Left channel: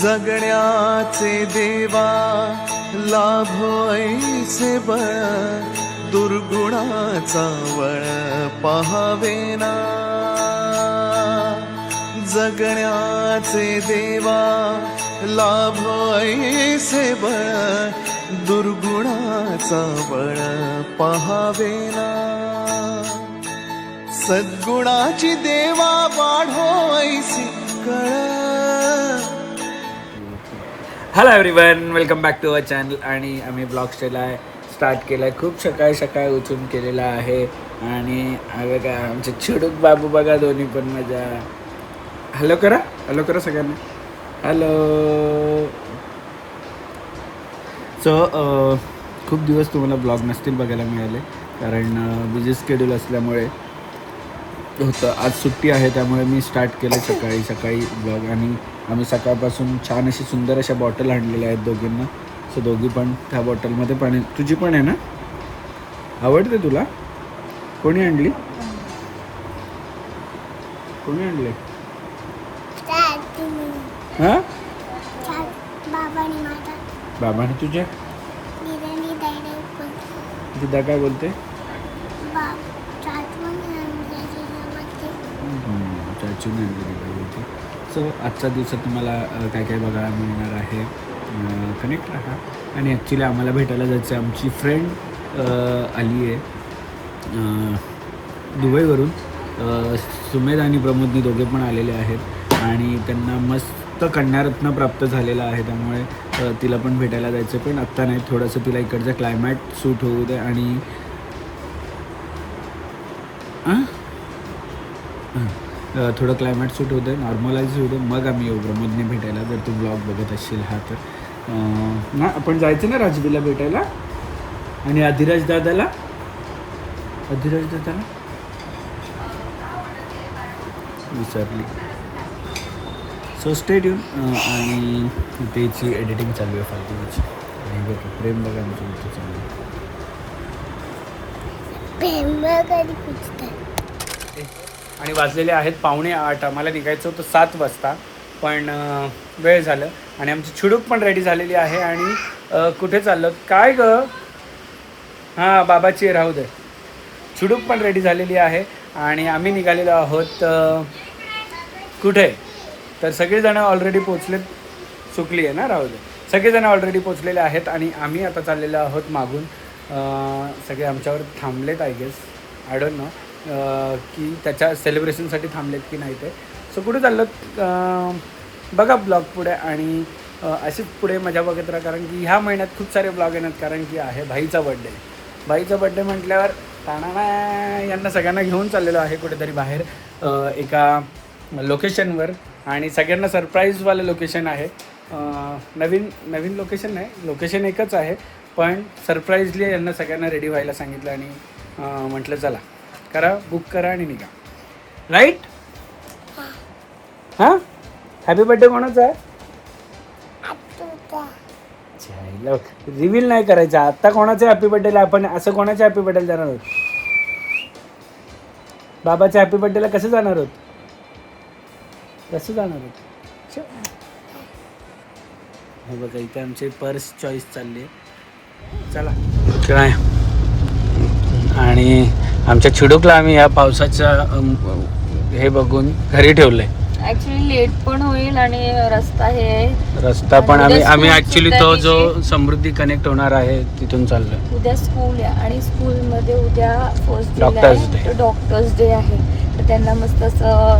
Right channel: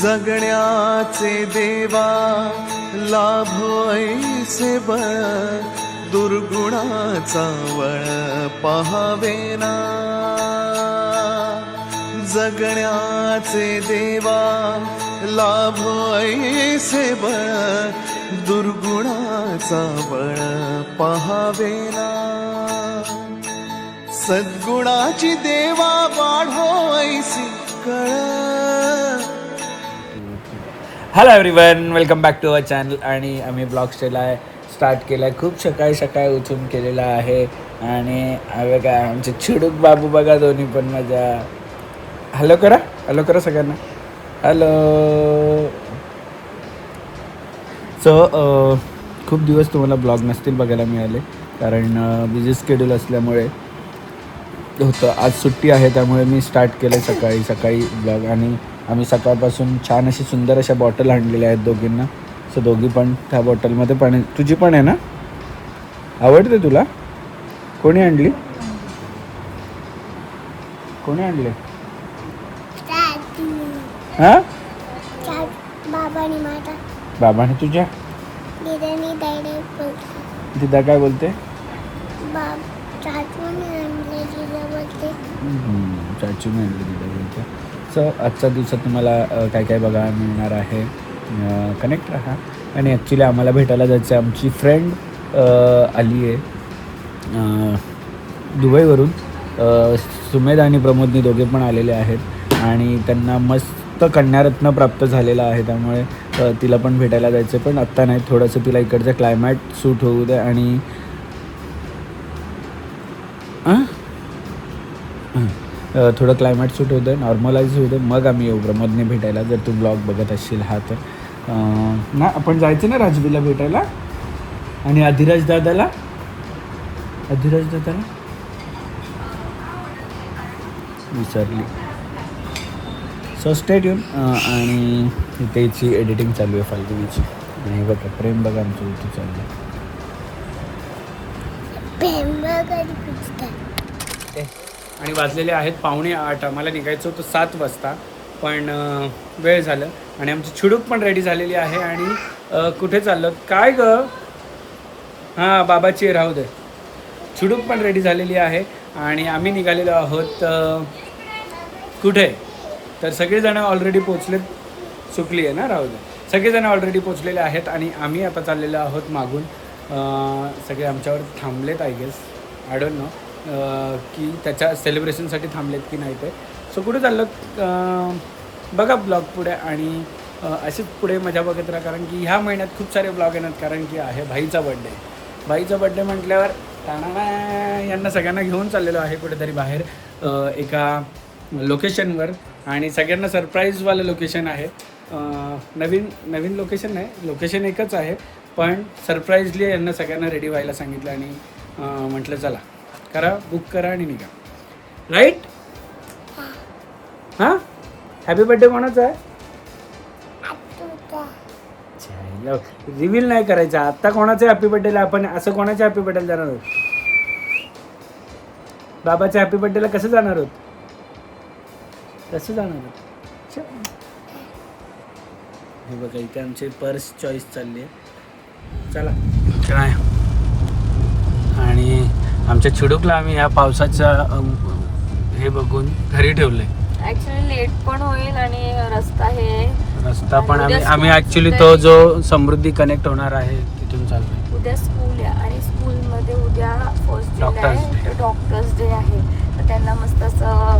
जगण्याचे देवा लाभो ऐसे बळ, दुर्गुणाचा वळ पहावेना. जगण्याचे देवा लाभो ऐसे बळ, दुर्गुणाचा बळ पहावेना. सद्गुणाची देवा वाढो ऐसी कळ. Hello everyone, welcome back to our channel. आणि आम्ही ब्लॉग स्टार्ट केला आहे. खूप सकाळी उठून केलेला आहे. आणि बघा आमचं चिडूक बाबू बघा, दोन्ही पण मजा. हॅलो करा सगळ्यांना. हॅलो. सो खूप दिवस तुम्हाला ब्लॉग नसतील बघायला मिळाले, कारण बिझी शेड्यूल असल्यामुळे होतं. आज सुट्टी आहे त्यामुळे मी स्टार्ट केलं सकाळी ब्लॉग. आणि आम्ही सकाळपासून छान अशी सुंदर अशा बॉटल आणलेल्या आहेत दोघींना. सो दोघी पण त्या बॉटलमध्ये पाणी. तुझी पण आहे ना? आवडते तुला? कोणी आणली? हां, बाबांनी. तुझ्या दिदा काय बोलते? चाचीने आणली दिदा बोलते. सो आजच्या दिवसात तुम्हाला काय बघायला मिळणार आहे. कनेक्ट राहा. आणि ॲक्च्युली आम्हाला भेटायला जायचं आहे. आमची फ्रेंड आली आहे दुबईवरून. सुमेध आणि प्रमोदनी दोघे पण आलेले आहेत. आणि त्यांना मस्त कन्यारत्न प्राप्त झालेला आहे, त्यामुळे तिला पण भेटायला जायचं. पण आत्ता नाही, थोडंसं तिला इकडचं क्लायमॅट सूट होऊ दे. आणि थोडं क्लायमॅट सूट होऊ दे, नॉर्मलाइज होऊ दे, मग आम्ही येऊ प्रमोदने भेटायला. जर तू ब्लॉग बघत असशील हा तर ना, आपण जायचं ना राजबीला भेटायला. आणि अधिराज दादाला विसरली. So stay tune. आणि इथेची एडिटिंग चालू आहे फालतूची. आणि बघा प्रेम बघा आमच्या इथे चालू आहे. आणि वाजलेले आहेत 7:45. आम्हाला निघायचं होतं 7 वाजता, पण वेळ झालं. आणि आमची चिडूक पण रेडी झालेली आहे. आणि कुठे चाललं काय ग? हां, बाबाची राहू दे. चिडूक पण रेडी झालेली आहे. आणि आम्ही निघालेलो आहोत कुठे तर सगळेजण ऑलरेडी पोचलेत. सुकली आहे ना, राहू दे. सगळेजण ऑलरेडी पोचलेले आहेत. आणि आम्ही आता चाललेलो आहोत मागून. सगळे आमच्यावर थांबलेत, I guess, I don't know की त्याच्या सेलिब्रेशनसाठी थांबलेत की नाही ते. सो कुठे चाललं बघा ब्लॉग पुढे. आणि अशीच पुढे मजा बघत राहा, कारण की ह्या महिन्यात खूप सारे ब्लॉग येणार. कारण की आहे भाईचा बड्डे म्हटल्यावर यांना सगळ्यांना घेऊन चाललेलो आहे कुठेतरी बाहेर एका लोकेशनवर. आणि सगळ्यांना सरप्राईजवालं लोकेशन आहे. नवीन लोकेशन नाही, लोकेशन एकच आहे, पण सरप्राईजली यांना सगळ्यांना रेडी व्हायला सांगितलं. आणि म्हटलं चला बुक करा आणि निघा. राईट? हां, हॅपी बड्डे कोणाचा आहे? रिव्हील नाही करायचं आत्ता कोणाचं हॅपी बड्डेला. आपण असं कोणाच्या हॅपी बड्डेला जाणार आहोत? बाबाच्या हॅपी बड्डेला कसं जाणार आहोत? हे बघा इथे आमचे पर्स चॉईस चालली आहे. चला काय. आणि आमच्या चिडूकला आम्ही या पावसाचं हे बघून घरी ठेवलंय. ऍक्च्युली लेट पण होईल आणि रस्ता पण आम्ही ऍक्च्युली तो जो समृद्धी कनेक्ट होणार आहे तिथून चाललोय. उद्या स्कूल आहे आणि स्कूलमध्ये उद्या फर्स्ट डॉक्टर्स डे आहे. तर त्यांना मस्त असं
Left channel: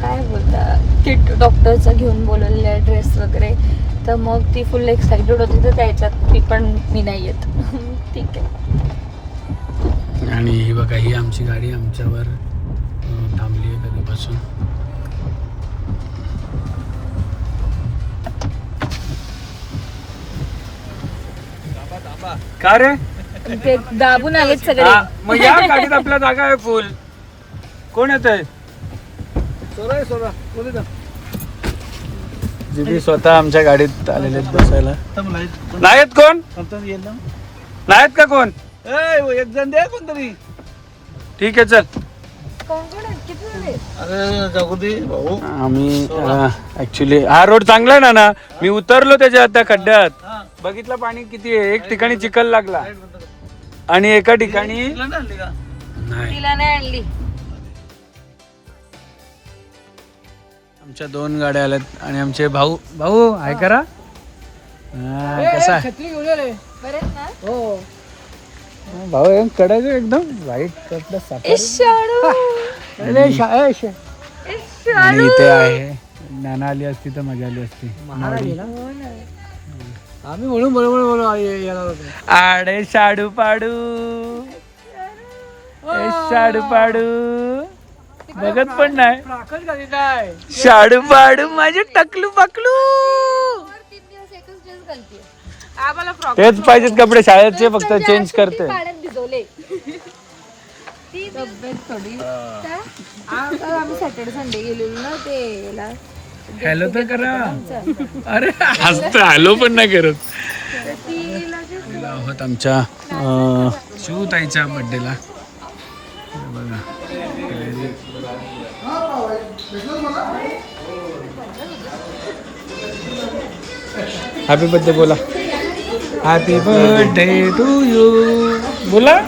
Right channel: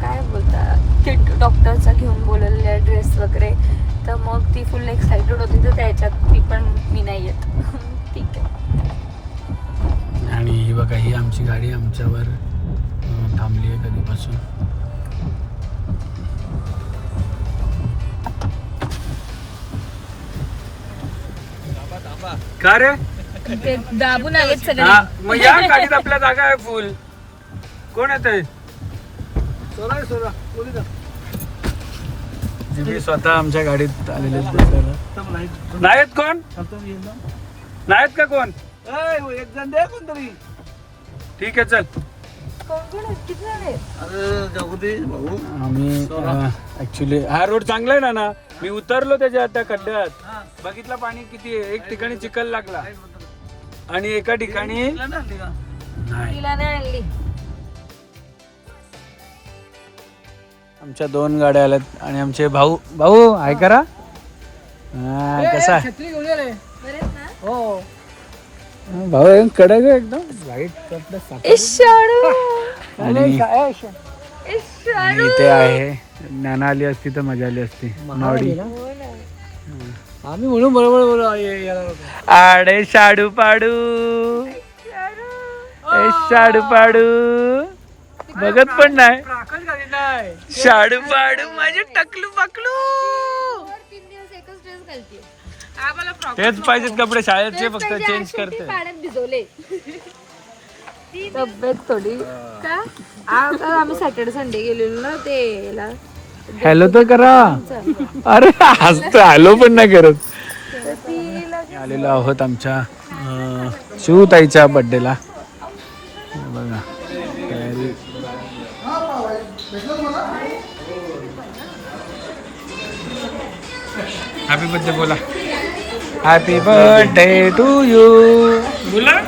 काय बोलतात किट डॉक्टरचा घेऊन बोलवलेलं ड्रेस वगैरे. तर मग ती फुल एक्साइटेड होती. तर त्याच्यात मी नाही येत. ठीक आहे. आणि ही बघा, ही आमची गाडी आमच्यावर थांबली आहे कधीपासून. का रे? ते दाबून आलेत सगळे. मग या गाडीत आपल्या जागा आहे फुल. कोण येत आहे? जिबी स्वतः आमच्या गाडीत आलेले बसायला. नाहीत कोण? नाहीत का कोण? एक जण द्या कोणतरी. ठीक आहे चल. अरे जगुदी भाऊ आम्ही ऍक्च्युली हा रोड चांगला आहे ना मी उतरलो त्याच्या त्या खड्ड्यात बघितलं पाणी किती आहे. एक ठिकाणी चिखल लागला आणि एका ठिकाणी नाही. आमच्या 2 गाड्या आल्यात आणि आमचे भाऊ आहे करा कसा भाऊ कडे एकदम व्हाईट कपडे आणि इथे आहे ज्ञाना आली असती तर मजा आली असती. नॉडी आम्ही म्हणून बरोबर आडे शाडू पाडू शाडू पाडू बघत पण नाही. शाडू पाडू माझे टकलू पकलू तेच पाहिजेत कपडे शाळेचे फक्त चेंज करते. तब्येत थोडी आम्ही सॅटर्डे संडे गेलेलो ना ते हॅलो तर करा. अरे हसतो हॅलो पण नाही करत. आलेलो आहोत आमच्या शिवताईच्या बर्थडेला. बघा हॅपी बर्थडे बोला. हॅपी बर्थडे टू यू बोला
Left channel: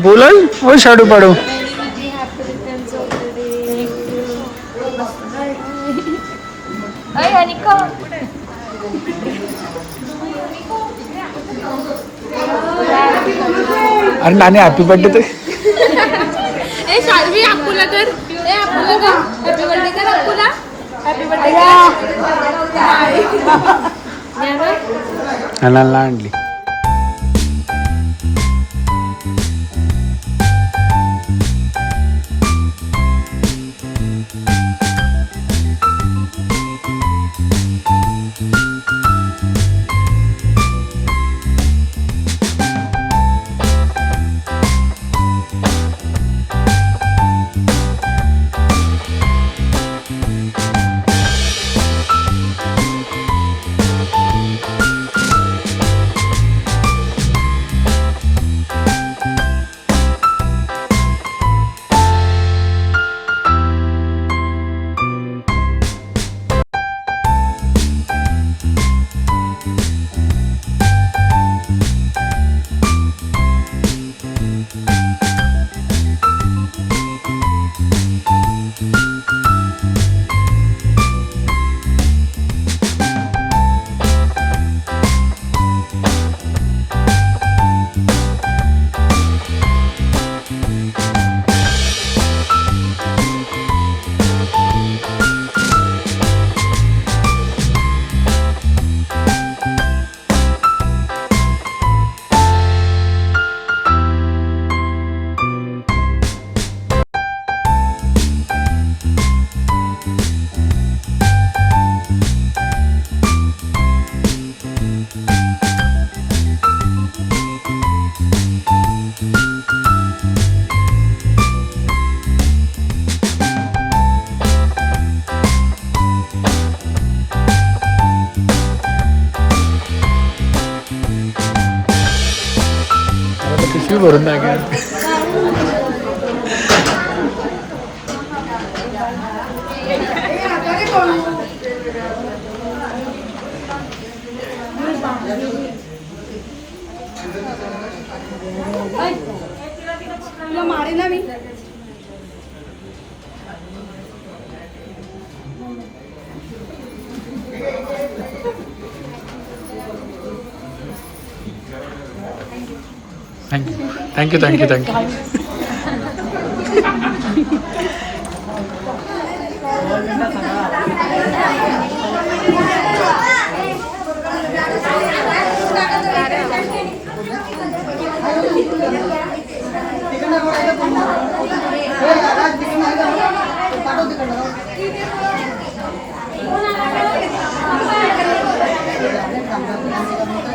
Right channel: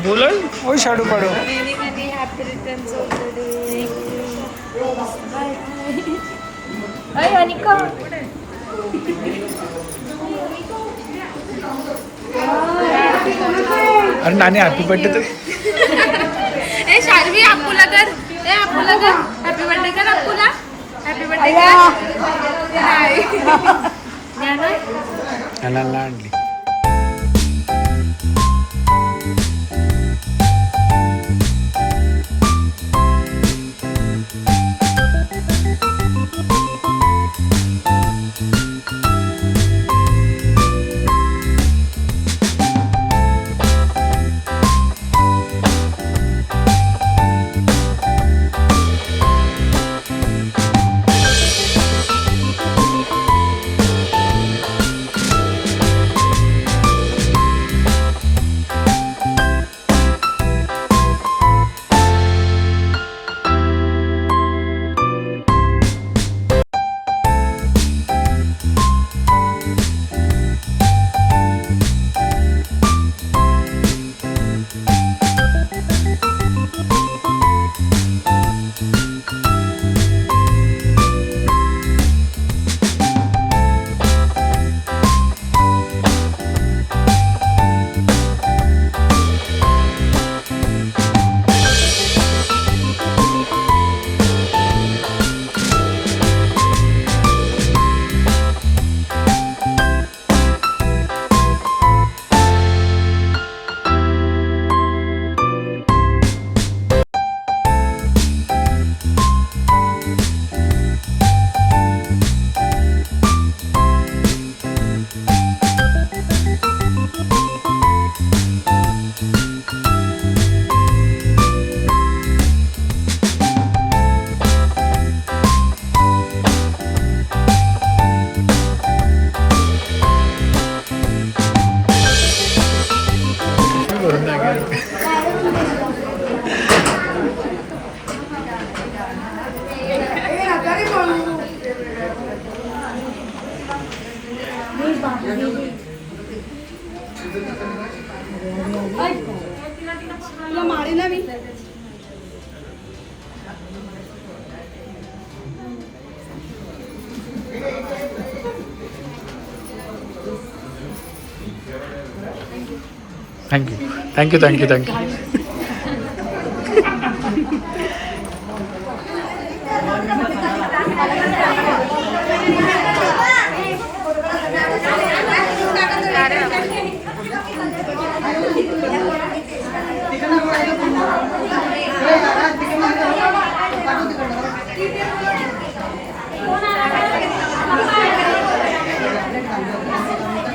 बोलाल ओ शाडू पाडू. अरे नानी हॅपी बर्थडे तर शालवी अप्पूला कर हॅपी बर्थडे कर अप्पूला हॅपी बर्थडे कर आणली. भरून तुला मारे ना मी. थँक्यू.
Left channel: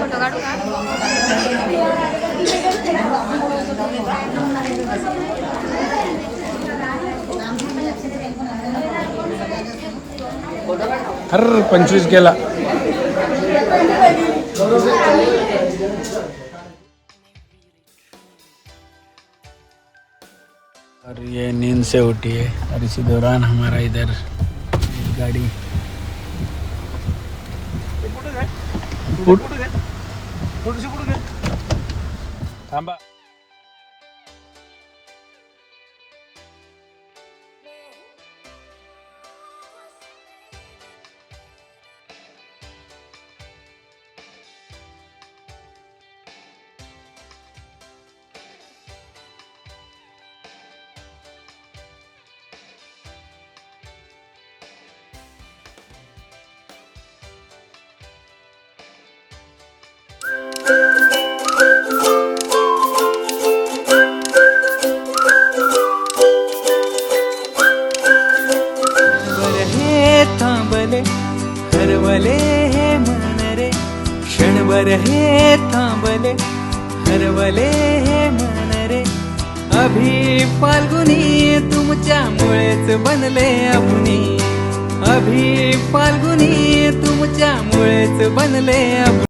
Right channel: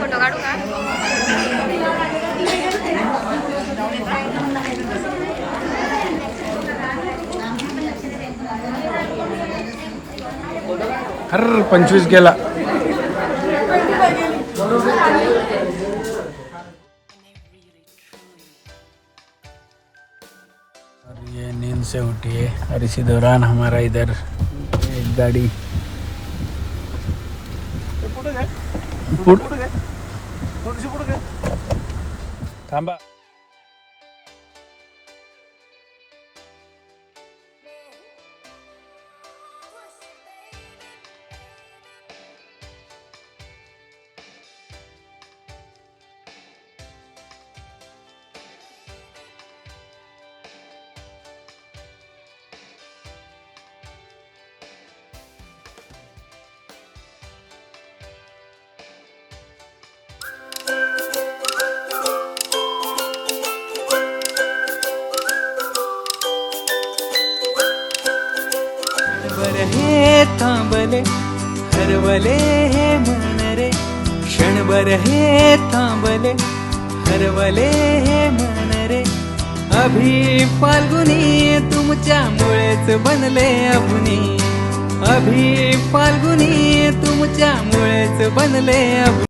फोटो काढू का? हर 25 गेला. और ये नींद से होती है और इसी दौरान हमारा इधर एक गाड़ी थांबा. हे थांबले हरवले हे मन रे क्षणभर हे थांबले हरवले हे मन रे अभि फाल्गुनी तुमच्यामुळेच बनले अभुनी अभि फाल्गुनी तुमच्यामुळेच बनले अभुनी.